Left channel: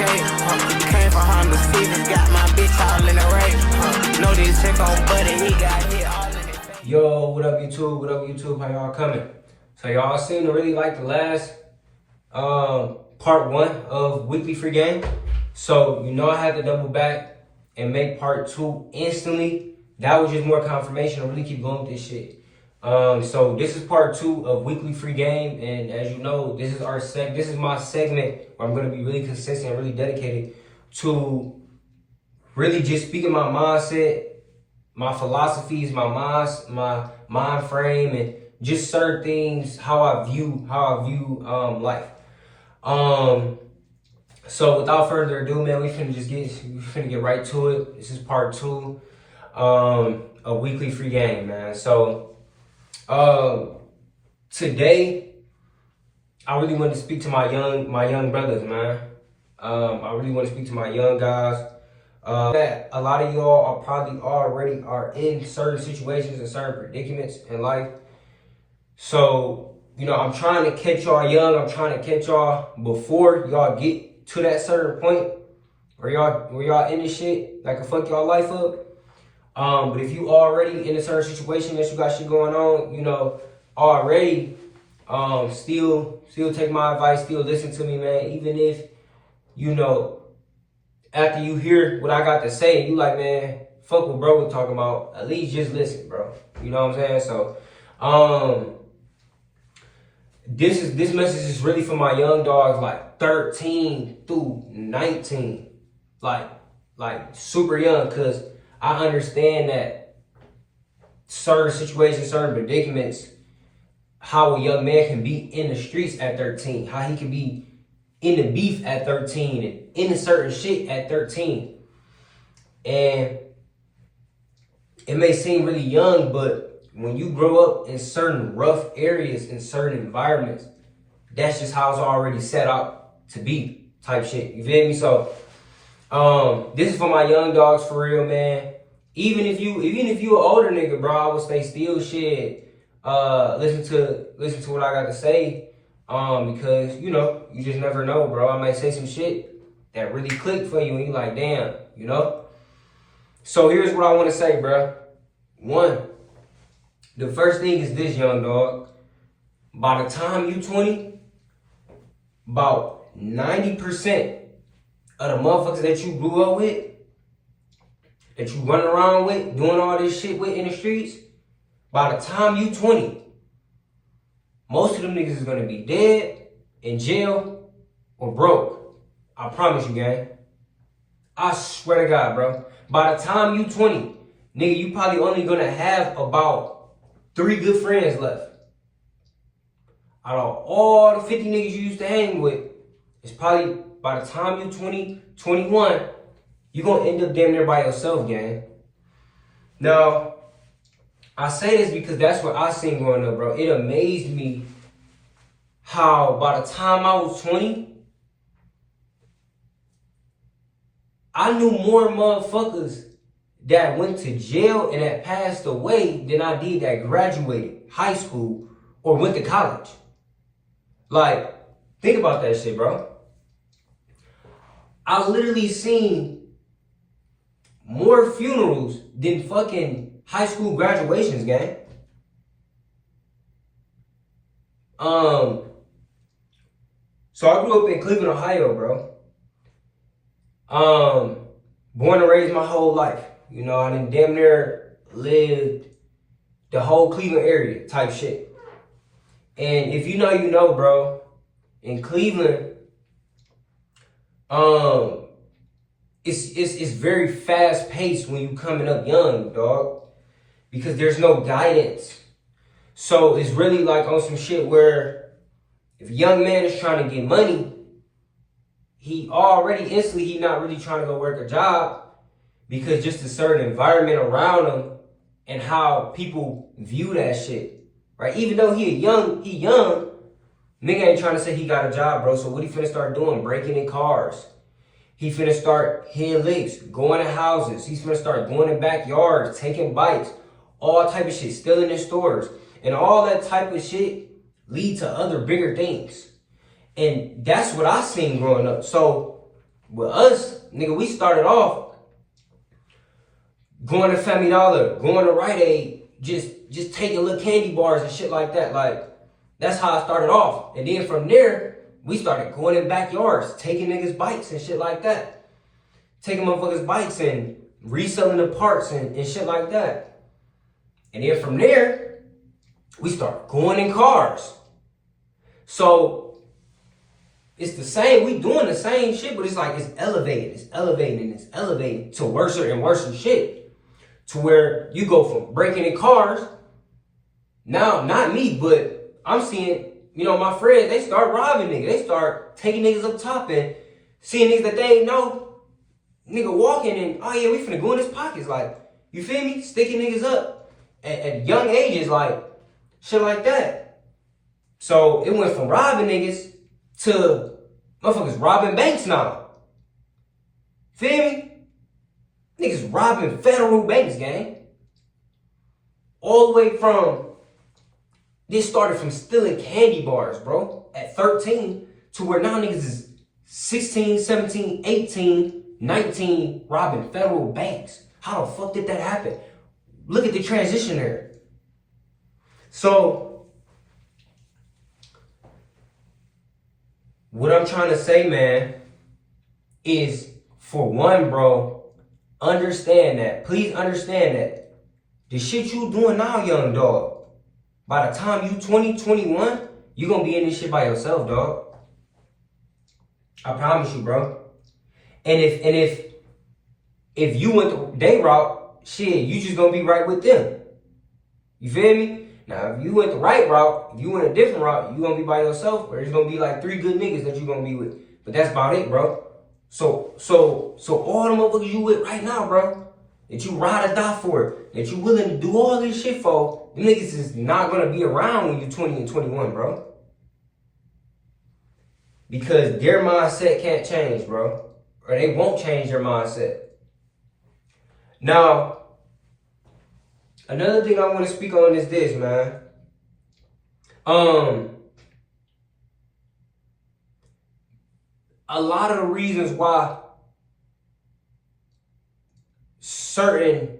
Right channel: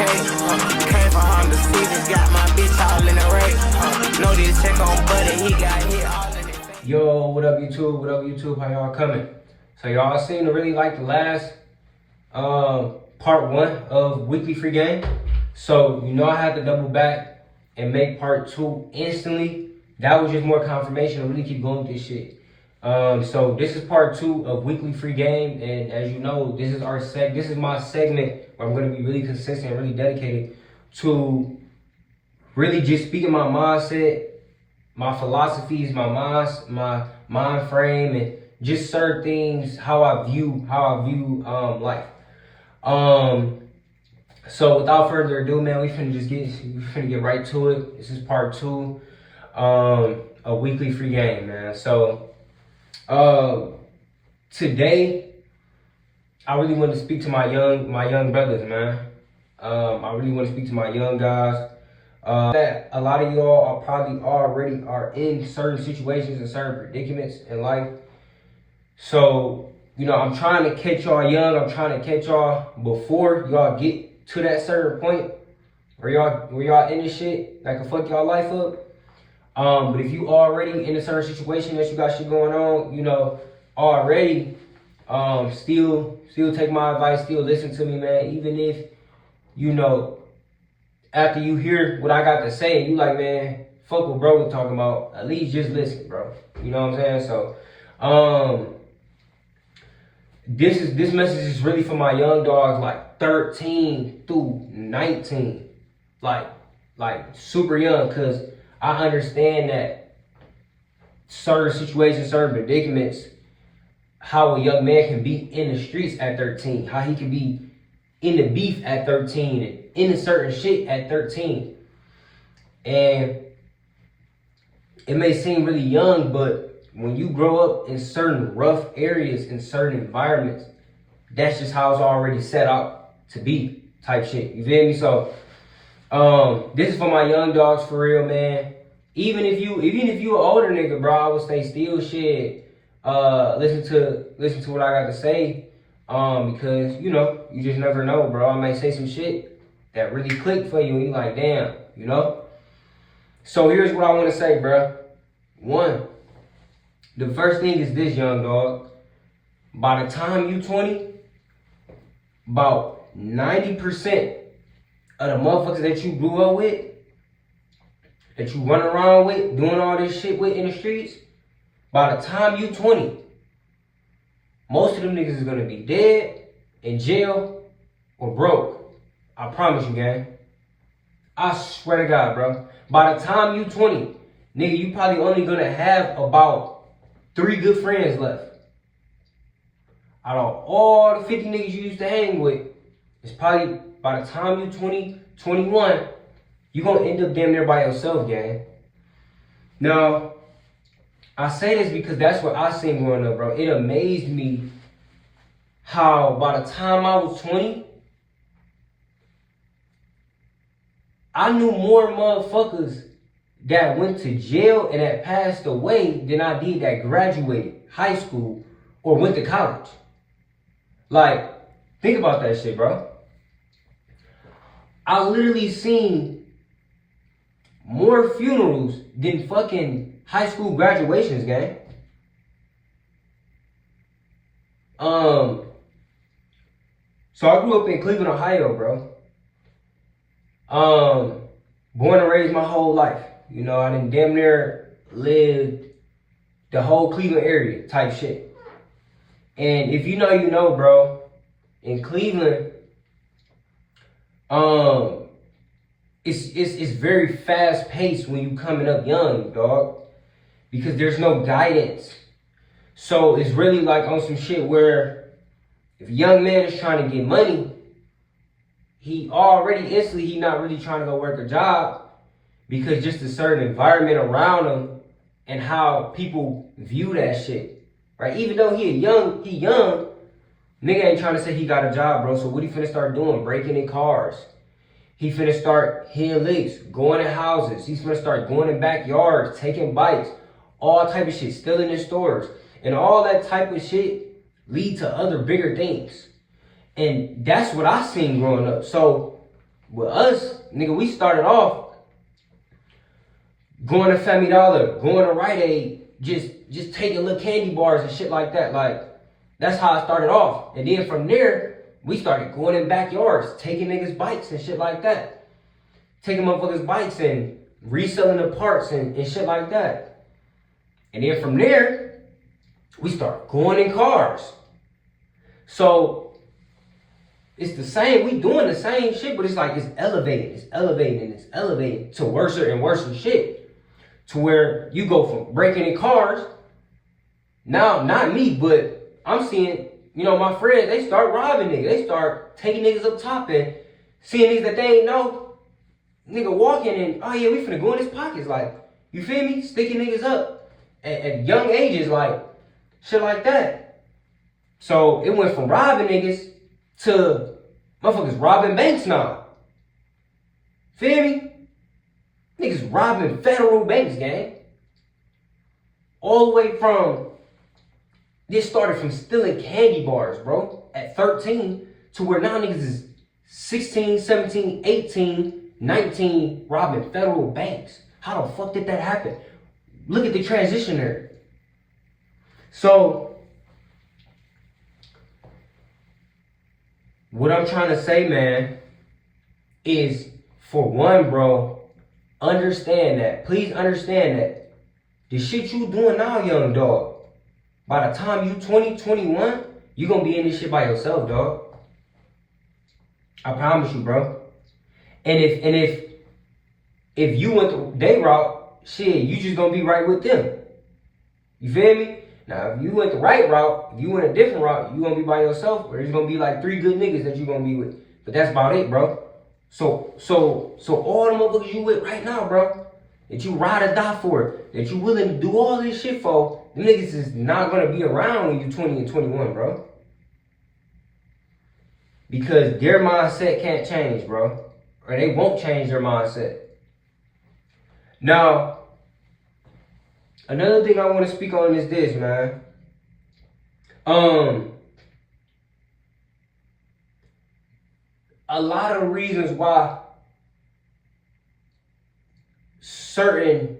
escape. Came from Honda Civics, got my bitch all in the rape. Know this check on buddy, he got hit all in his face. Yo, what up YouTube? What up YouTube? How y'all coming? So y'all seem to really like the last part 1 of weekly free game. So you know I had to double back and make part 2 instantly. That was just more confirmation to really keep going with this shit. So this is part 2 of weekly free game, and as you know, this is my segment where I'm gonna be really consistent and really dedicated to really just speaking my mindset, my philosophies, my mind frame, and just certain things, how I view life. So without further ado, man, we finna get right to it. This is part 2 of weekly free game, man. So today I really want to speak to my young brothers, man. I really want to speak to my young guys. That a lot of y'all are probably already are in certain situations and certain predicaments in life. So, you know, I'm trying to catch y'all young. I'm trying to catch y'all before y'all get to that certain point where y'all in this shit that can fuck y'all life up. But if you already in a certain situation that you got shit going on, you know, already, still take my advice, still listen to me, man. Even if, you know, after you hear what I got to say, you like, man, fuck what bro was talking about. At least just listen, bro. You know what I'm saying? So, this message is really for my young dogs, like 13 through 19, like super young, cause I understand that certain situations, certain predicaments, how a young man can be in the streets at 13, how he can be in the beef at 13 and in a certain shit at 13. And it may seem really young, but when you grow up in certain rough areas, in certain environments, that's just how it's already set out to be type shit. You feel me? So this is for my young dogs for real, man. Even if you an older nigga, bro, I would stay still shit. Listen to what I got to say. Because you know, you just never know, bro. I might say some shit that really clicked for you and you like, damn, you know? So here's what I want to say, bro. 1, the first thing is this, young dog. By the time you 20, about 90% of the motherfuckers that you grew up with, that you run around with, doing all this shit with in the streets, by the time you 20, most of them niggas is gonna be dead, in jail, or broke. I promise you, gang. I swear to God, bro. By the time you 20, nigga, you probably only gonna have about 3 good friends left. Out of all the 50 niggas you used to hang with, it's probably by the time you 20, 21, you're gonna end up damn near by yourself, gang. Now, I say this because that's what I seen growing up, bro. It amazed me how by the time I was 20, I knew more motherfuckers that went to jail and that passed away than I did that graduated high school or went to college. Like, think about that shit, bro. I literally seen more funerals than fucking high school graduations, gang. So I grew up in Cleveland, Ohio, bro. Born and raised my whole life. You know, I done damn near lived the whole Cleveland area type shit. And if you know, you know, bro. In Cleveland, it's very fast paced when you coming up young, dog, because there's no guidance. So it's really like on some shit where if a young man is trying to get money, he not really trying to go work a job, because just a certain environment around him and how people view that shit, right? Even though he young, nigga ain't trying to say he got a job, bro. So what he finna start doing? Breaking in cars. He finna start hitting licks, going to houses. He's finna start going in backyards, taking bites, all type of shit, stealing in stores. And all that type of shit lead to other bigger things. And that's what I seen growing up. So With us, nigga, we started off going to Family Dollar, going to Rite Aid, just taking little candy bars and shit like that. Like, that's how I started off. And then from there, we started going in backyards, taking niggas' bikes and shit like that. Taking motherfuckers' bikes and reselling the parts and shit like that. And then from there, we start going in cars. So it's the same, we doing the same shit, but it's like it's elevating to worse and worse shit. To where you go from breaking in cars, now, not me, but I'm seeing, you know, my friends, they start robbing niggas. They start taking niggas up top and seeing niggas that they ain't know. Nigga walking and, oh yeah, we finna go in his pockets. Like, you feel me? Sticking niggas up at young ages, like, shit like that. So it went from robbing niggas to motherfuckers robbing banks now. Feel me? Niggas robbing federal banks, gang. All the way from, this started from stealing candy bars, bro, at 13, to where now niggas is 16, 17, 18, 19, robbing federal banks. How the fuck did that happen? Look at the transition there. So, what I'm trying to say, man, is for one, bro, understand that. Please understand that. The shit you doing now, young dog, by the time you 20, 21, you gonna be in this shit by yourself, dog. I promise you, bro. And if you went the day route, shit, you just gonna be right with them. You feel me? Now, if you went the right route, if you went a different route, you gonna be by yourself, or there's gonna be like 3 good niggas that you gonna be with. But that's about it, bro. So all the motherfuckers you with right now, bro, that you ride or die for, that you willing to do all this shit for, them niggas is not gonna be around when you're 20 and 21, bro. Because their mindset can't change, bro. Or they won't change their mindset. Now, another thing I want to speak on is this, man. A lot of the reasons why certain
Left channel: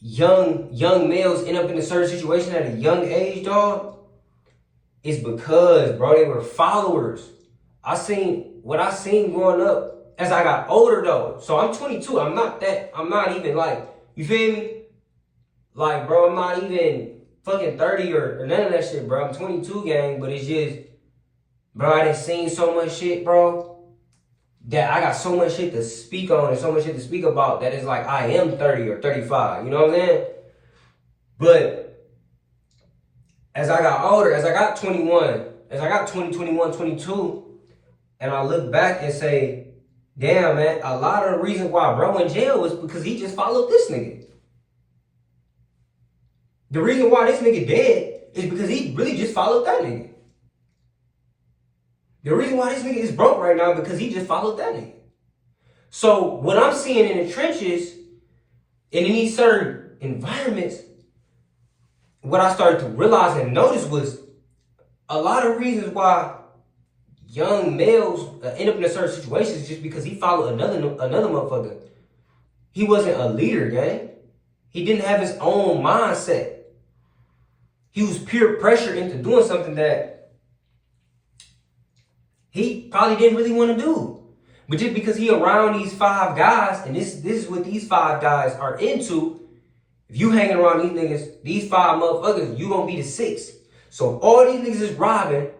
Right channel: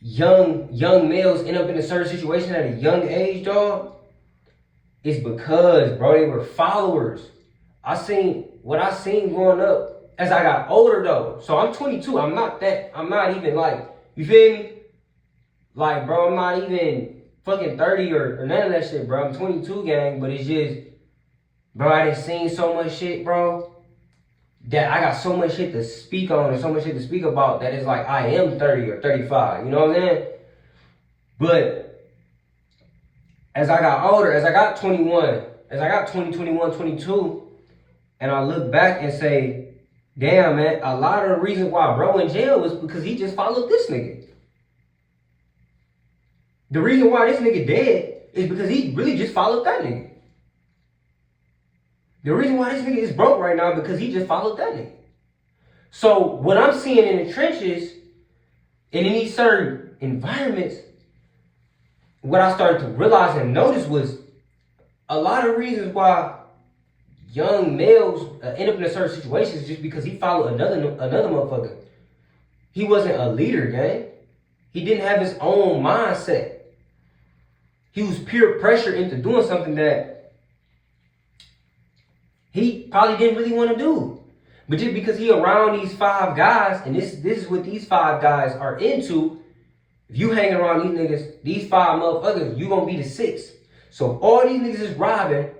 young males end up in a certain situation at a young age, dog, is because, bro, they were followers. What I seen growing up as I got older, though. So I'm 22. I'm not even like, you feel me? Like, bro, I'm not even fucking 30 or none of that shit, bro. I'm 22, gang, but it's just, bro, I done seen so much shit, bro, that I got so much shit to speak on and so much shit to speak about that it's like I am 30 or 35, you know what I'm saying? But as I got older, as I got 21, as I got 20, 21, 22, and I look back and say, damn, man, a lot of the reasons why bro in jail was because he just followed this nigga. The reason why this nigga dead is because he really just followed that nigga. The reason why this nigga is broke right now because he just followed that nigga. So what I'm seeing in the trenches and in these certain environments, what I started to realize and notice was a lot of reasons why young males end up in a certain situation is just because he followed another motherfucker. He wasn't a leader, gang. He didn't have his own mindset. He was peer pressure into doing something that he probably didn't really want to do. But just because he around these 5 guys, and this is what these 5 guys are into, if you hanging around these niggas, these 5 motherfuckers, you gonna be the 6th. So if all these niggas is robbing,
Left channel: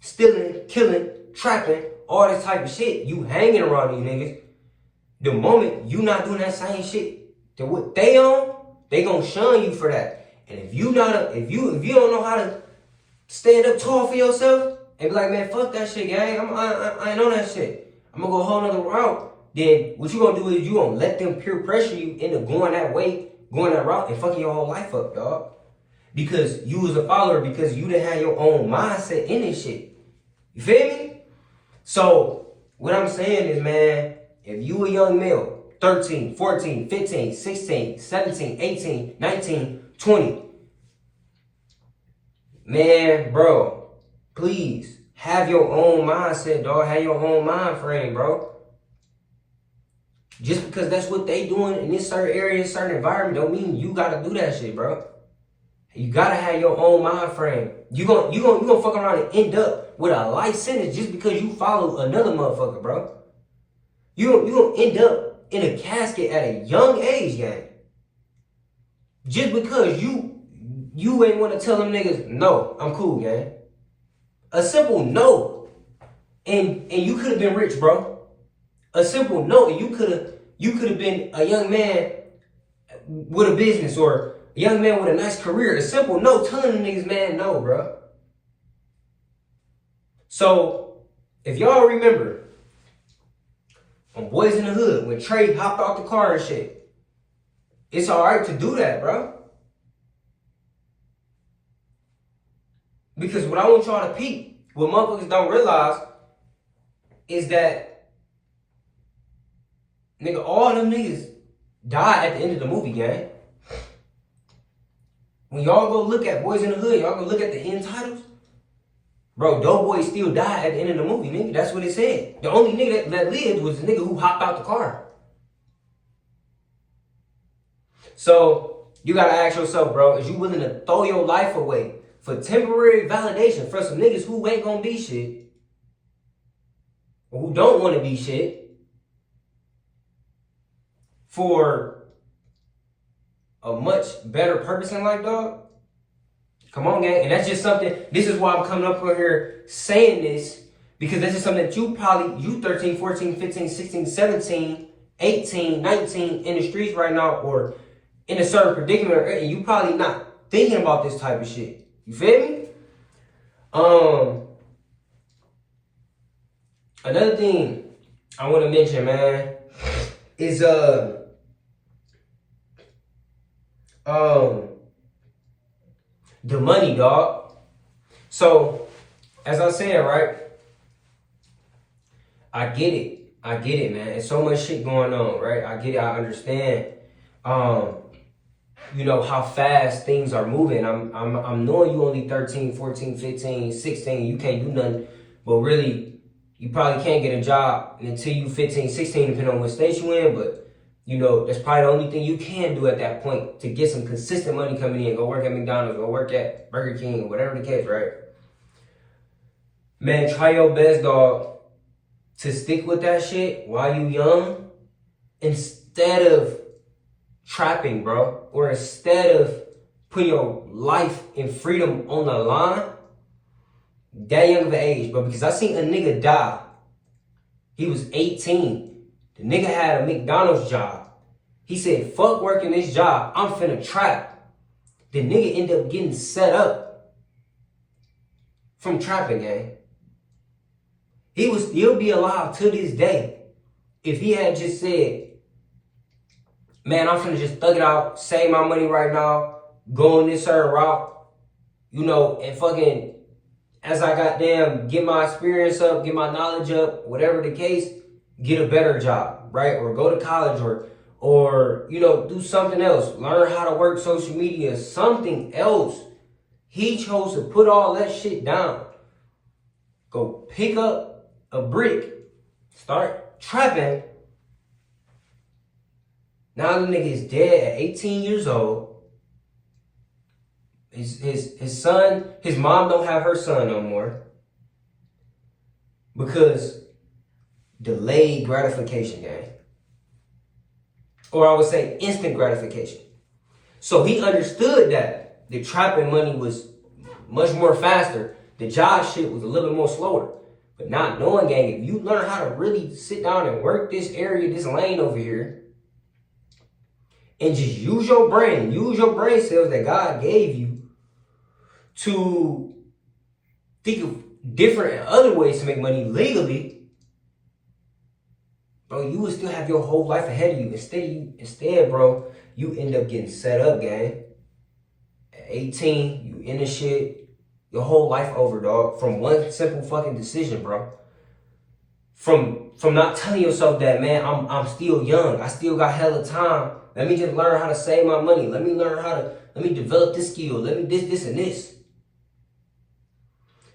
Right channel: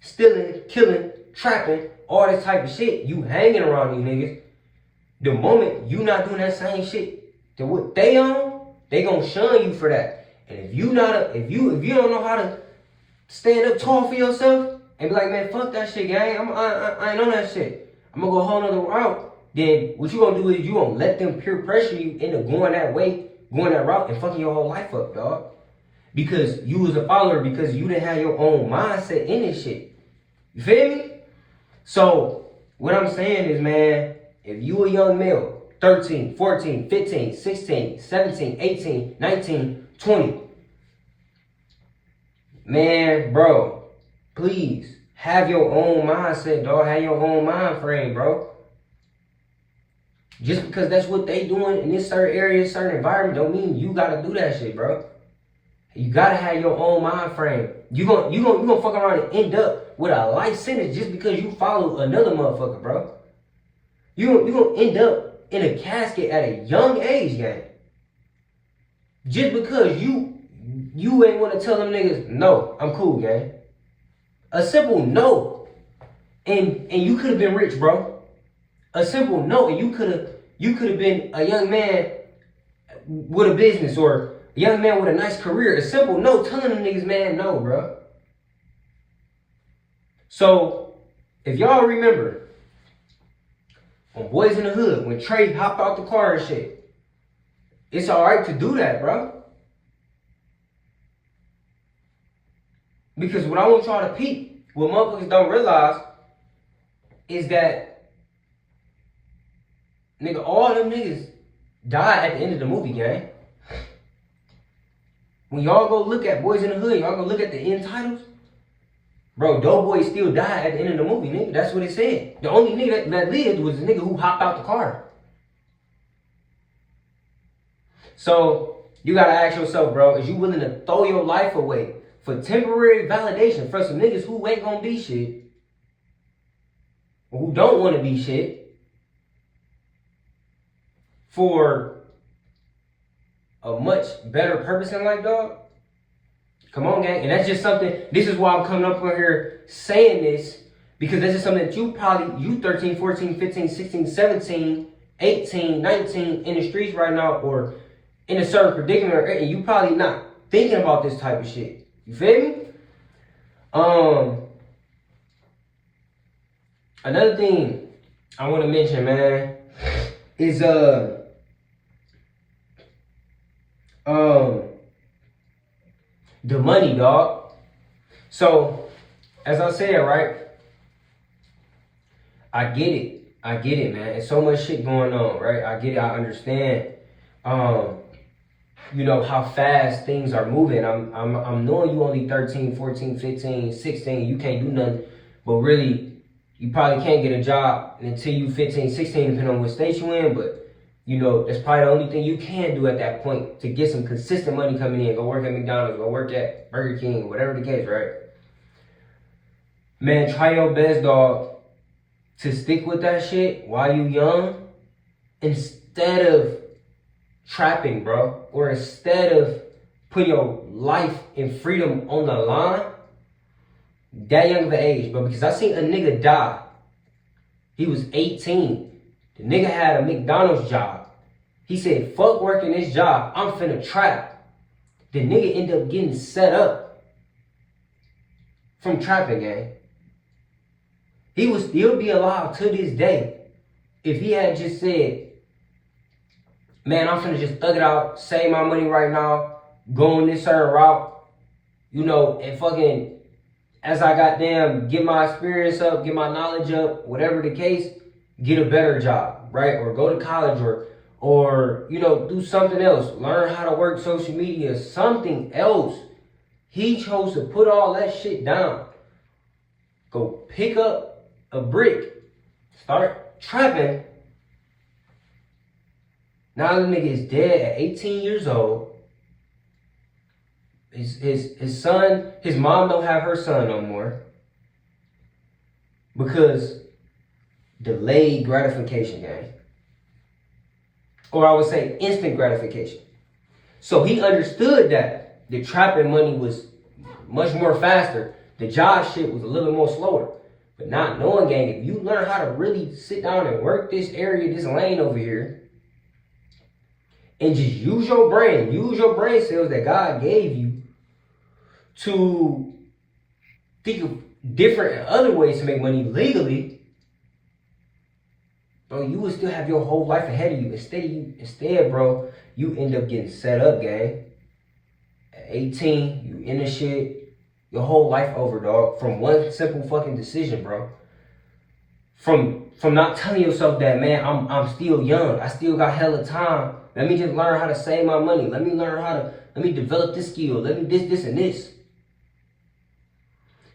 stealing, killing, trapping, all this type of shit, you hanging around these niggas, the moment you not doing that same shit to what they on, they gonna shun you for that. And if you don't know how to stand up tall for yourself, and be like, man, fuck that shit, gang. I ain't on that shit. I'm gonna go a whole nother route. Then what you gonna do is you gonna let them peer pressure you into going that way, going that route, and fucking your whole life up, dog. Because you was a follower, because you didn't have your own mindset in this shit. You feel me? So what I'm saying is, man, if you a young male, 13, 14, 15, 16, 17, 18, 19, 20, man, bro, please have your own mindset, dog. Have your own mind frame, bro. Just because that's what they doing in this certain area, certain environment, don't mean you gotta do that shit, bro. You gotta have your own mind frame. You gonna fuck around and end up with a life sentence just because you follow another motherfucker, bro. You gonna end up in a casket at a young age, gang. Just because you ain't wanna tell them niggas, no, I'm cool, gang. A simple no, and you could have been rich, bro. A simple no, and you could have been a young man with a business or a young man with a nice career. A simple no, telling the niggas, man, no, bro. So if y'all remember when Boys in the Hood, when Trey hopped off the car and shit, it's alright to do that, bro. Because what I want y'all to peep, what motherfuckers don't realize is that, nigga, all them niggas died at the end of the movie, gang. When y'all go look at Boys in the Hood, y'all go look at the end titles, bro, Doughboy still died at the end of the movie, nigga. That's what it said. The only nigga that lived was the nigga who hopped out the car. So, you gotta ask yourself, bro, is you willing to throw your life away for temporary validation for some niggas who ain't gonna be shit, or who don't wanna be shit, for a much better purpose in life, dog? Come on, gang. And that's just something, this is why I'm coming up over here saying this, because that's just something that you 13, 14, 15, 16, 17, 18, 19 in the streets right now, or in a certain predicament, and you probably not thinking about this type of shit. You feel me? Another thing I want to mention, man, is the money, dog. So, as I said, right, I get it, man. There's so much shit going on, right? I get it, I understand, you know, how fast things are moving. I'm knowing you only 13, 14, 15, 16, you can't do nothing, but really, you probably can't get a job until you 15, 16, depending on what state you in, but you know, that's probably the only thing you can do at that point to get some consistent money coming in. Go work at McDonald's, go work at Burger King, whatever the case, right? Man, try your best, dog, to stick with that shit while you young, instead of trapping, bro, or instead of putting your life and freedom on the line that young of an age, bro. Because I seen a nigga die. He was 18. The nigga had a McDonald's job. He said, fuck working this job, I'm finna trap. The nigga ended up getting set up from trapping, gang. He would still be alive to this day if he had just said, man, I'm finna just thug it out, save my money right now, go on this certain route, you know, and fucking, as I goddamn get my experience up, get my knowledge up, whatever the case, get a better job, right? Or go to college, or you know, do something else. Learn how to work social media, something else. He chose to put all that shit down. Go pick up a brick, start trapping. Now the nigga is dead at 18 years old. His son, his mom don't have her son no more. Because delayed gratification, gang. Or I would say instant gratification. So he understood that the trapping money was much more faster. The job shit was a little bit more slower. But not knowing, gang, if you learn how to really sit down and work this area, this lane over here, and just use your brain cells that God gave you to think of different and other ways to make money legally, bro, you will still have your whole life ahead of you. Instead, bro, you end up getting set up, gang. At 18, you in the shit, your whole life over, dog. From one simple fucking decision, bro. From not telling yourself that, man, I'm still young. I still got hella time. Let me just learn how to save my money. Let me develop this skill. Let me this, and this.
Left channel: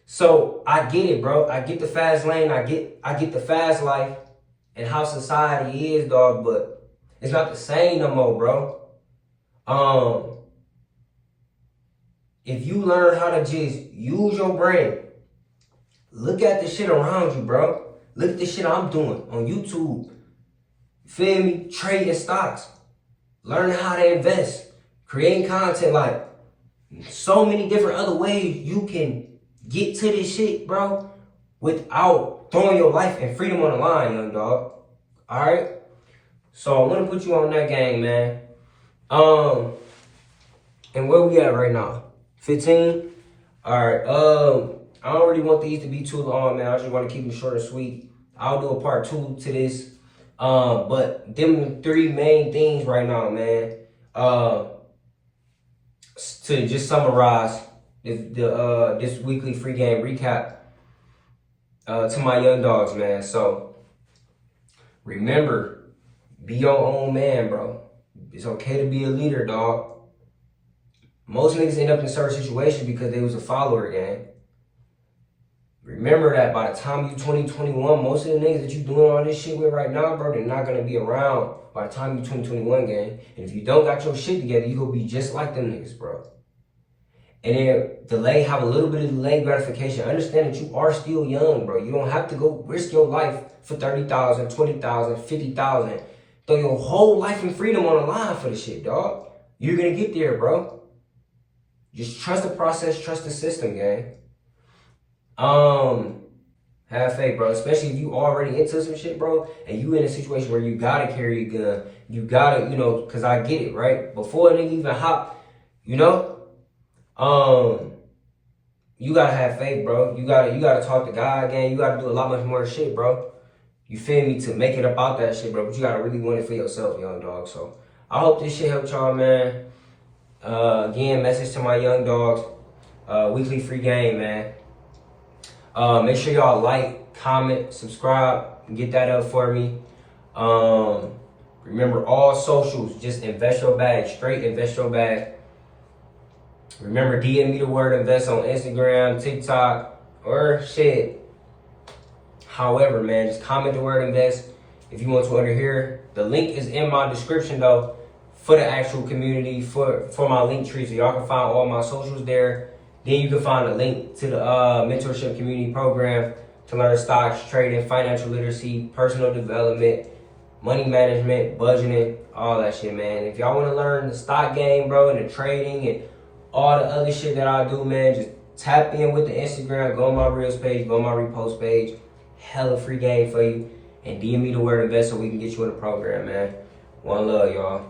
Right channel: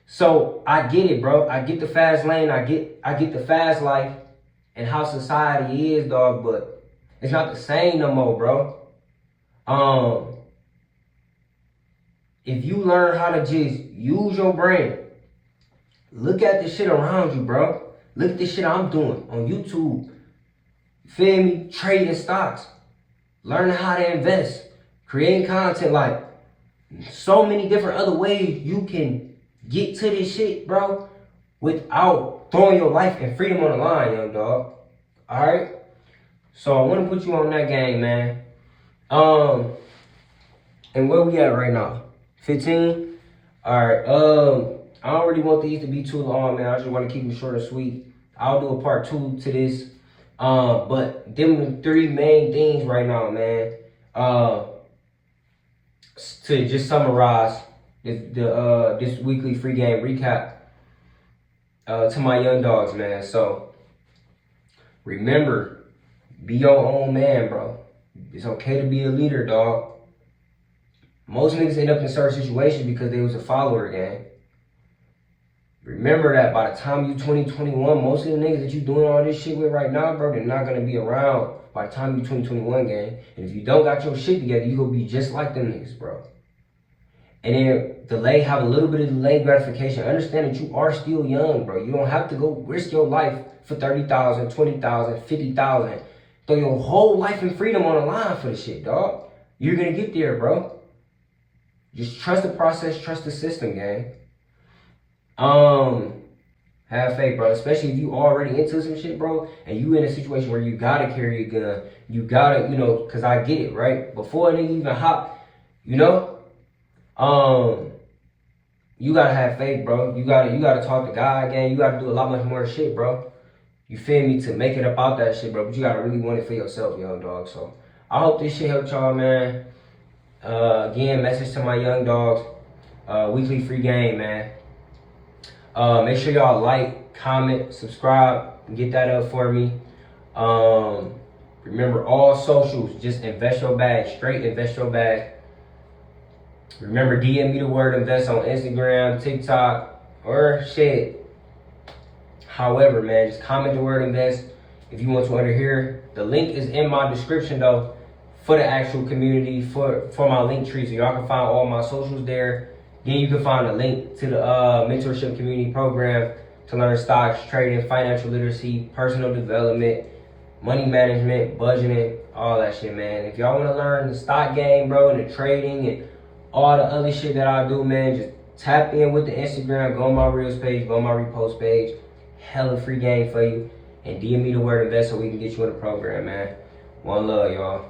So I get it, bro. I get the fast lane. I get the fast life and how society is, dog. But it's not the same no more, bro. If you learn how to just use your brain, look at the shit around you, bro. Look at the shit I'm doing on YouTube. Feel me? Trading stocks. Learning how to invest. Creating content. Like, so many different other ways you can get to this shit, bro, without throwing your life and freedom on the line, young dog. Alright? So I want to put you on that game, man. And where we at right now? 15? Alright, I don't really want these to be too long, man. I just want to keep them short and sweet. I'll do a part 2 to this. But them 3 main things right now, man. To just summarize this weekly free game recap to my young dogs, man. So remember, be your own man, bro. It's okay to be a leader, dog. Most niggas end up in certain situations because they was a follower, gang. Remember that by the time you 2021, most of the niggas that you doing all this shit with right now, bro, they're not gonna be around by the time you 2021, gang. And if you don't got your shit together, you gonna be just like them niggas, bro. And then have a little bit of delayed gratification. Understand that you are still young, bro. You don't have to go risk your life for 30,000, 20,000, 50,000. Throw your whole life and freedom on the line for the shit, dog. You're gonna get there, bro. Just trust the process, trust the system, gang. Have faith, bro. Especially if you already into some shit, bro, and you in a situation where you gotta carry a gun. You gotta, cause I get it, right? Before a nigga even hop, you gotta have faith, bro. You gotta talk to God again. You gotta do a lot much more shit, bro. You feel me? To make it about that shit, bro. But you gotta really want it for yourself, young dog. So I hope this shit helped y'all, man. Again, message to my young dogs. Weekly free game, man. Make sure y'all like, comment, subscribe, get that up for me. Remember all socials, just invest your bag, straight invest your bag. Remember, DM me the word invest on Instagram, TikTok, or shit. However, man, just comment the word invest if you want to enter here. The link is in my description though for the actual community, for my link tree, so y'all can find all my socials there. Then you can find a link to the mentorship community program to learn stocks, trading, financial literacy, personal development, money management, budgeting, all that shit, man. If y'all want to learn the stock game, bro, and the trading and all the other shit that I do, man, just tap in with the Instagram, go on my Reels page, go on my repost page. Hella free game for you. And DM me the word invest so we can get you in the program, man. One love, y'all.